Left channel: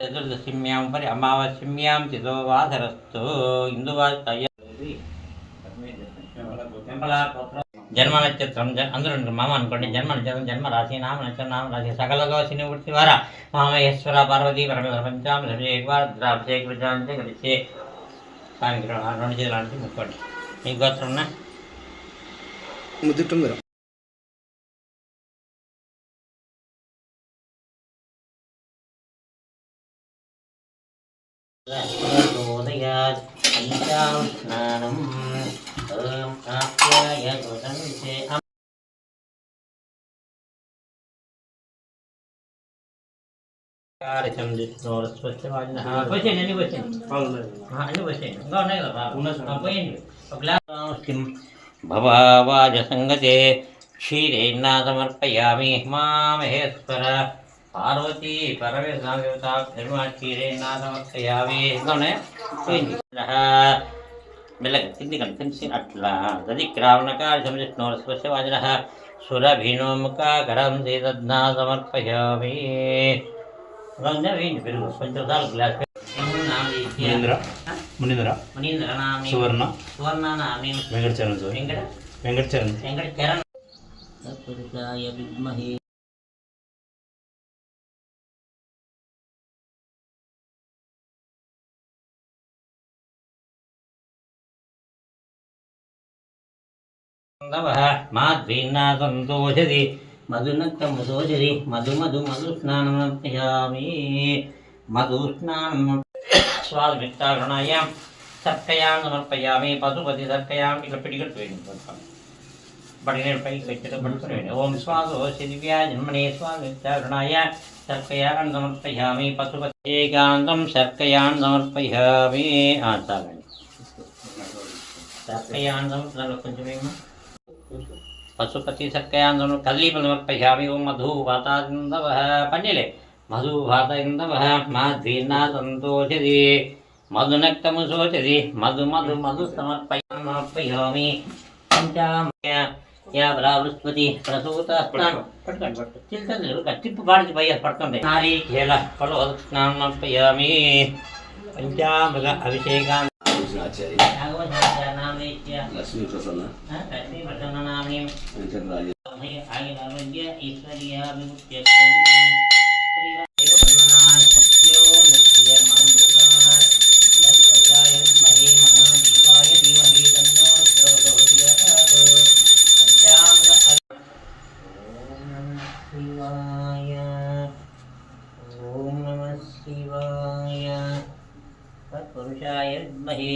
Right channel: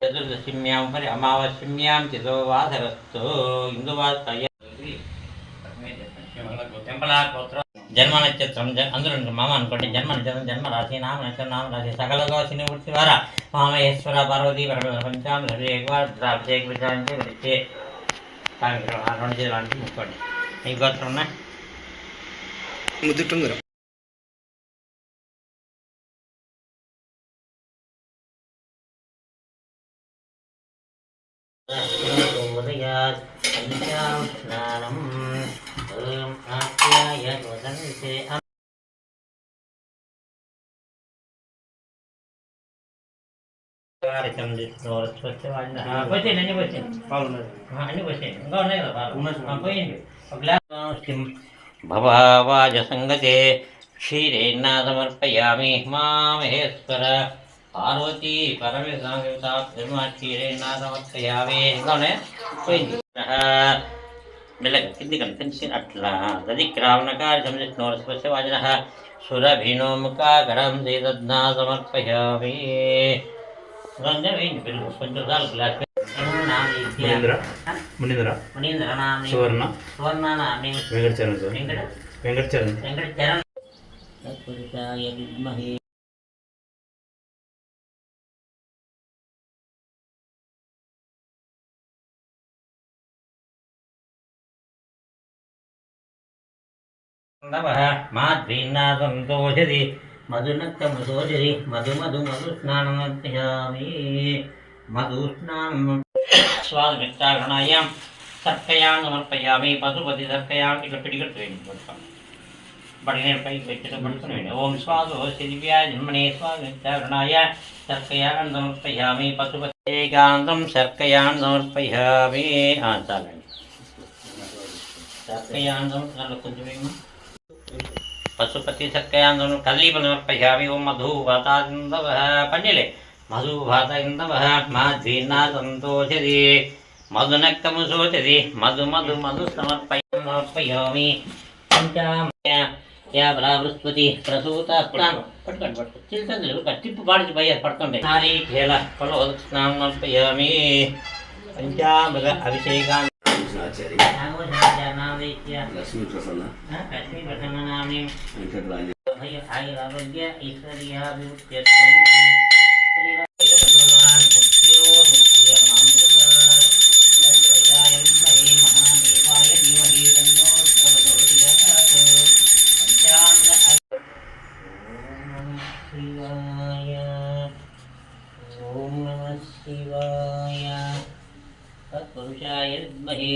चतुर्दशीम्यां परि अमावास्यां चितो वासरस्तु इंदुवास्तय जन्म नक्षत्रम अंदर माम अनुकोंడి जन्म नक्षत्रम जन्म राशि नाम नक्षत्र नाम राशि सकल गोसिनि उर्ति वारा मामेश्वर पार्वती परमेश्वर पंचाम रवि एक बार अभिषेक विचारण से करिचे कांग्रेस आरोन చేయాలంటే ముక్కోండి మీ గోత్రం నా ముద్దుటుంగర ఉదయాత్ పంచాం స్నానం ఓం కాత్యాయ వదంతే కార్యక్రమం చేస్తున్నారు స్వచ్ఛమైన పోయింది అన్ని పోయింది అన్ని పోయింది ఇంకా ఉన్నాయి కదా పోయింది ఒక గ్లాస్ భవావాజ సంగతే క్షీరేణ సమర్పయామి మామహేశ్వర పార్వతీ పరమేశ్వర క్షీరేణ సమర్పయామి ఇంకా ఉన్నాయి పోయింది మెల్లగా కిందికండి తెలిసి అట్లా గది క్రావణకార్యం చేస్తున్నారు స్వచ్ఛవాజన సురభినోముఖాకరం శ్రీదద్నా సమర్పయామి కొంచెం గ్లాస్ మునీంద్ర సువర్ణ వెంకటచరణ్ వెంకటచరణ్ తత్పురుషాయ విద్మహే మాధ్వీన్నా సంతోషది మధునక్తమదోషది మధుస్నానమర్పయామి మధుస్నానం స్వాదమిత్తాగణాయాం సర్కయాం సమర్పయామి పశుపతి సర్కయాం ఇట్లా పిడిగట్టు వేయండి బడి నేను పైకి పెట్టడం పడుకుని ఓం స్వాదోషి దివ్యా జన్మనే స్వాదమిత్తాగణాయ సర్కయాం సమర్పయామి పశుపతి ఏకాంతం సర్కయాం సమర్పయామి చాలండి సర్కయాం సమర్పయామి కొంచెం पशुपति सक्कयांदन कल्लीपल समर्पयामि ओम मधुभातान्दवः पण्यले मधुभातान्दवः माध्वीर्ना सन्तोषति मधुनक्तमुशोचति मधु समर्पयामि पंचाम्या या बला बृहस्पति प्रसूत स्नान पट्टंడి చిల్తండి కట్టిప్పు బాడికి పోయి పడుతుంది నారీ కేల కలో స్నానం సమర్పయామి పంచామృత అభిషేకం లక్ష్మీ ప్రసన్న नामी వెంకటరాజ आयुरारोग्य ओम नमः शिवाय तत्पुरुषाय विद्महे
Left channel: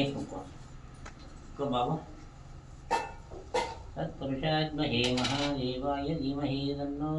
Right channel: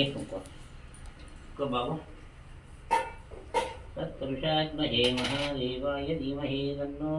को बाबू तत्पुरुषाय विद्महे महादेवाय धीमहि तन्नो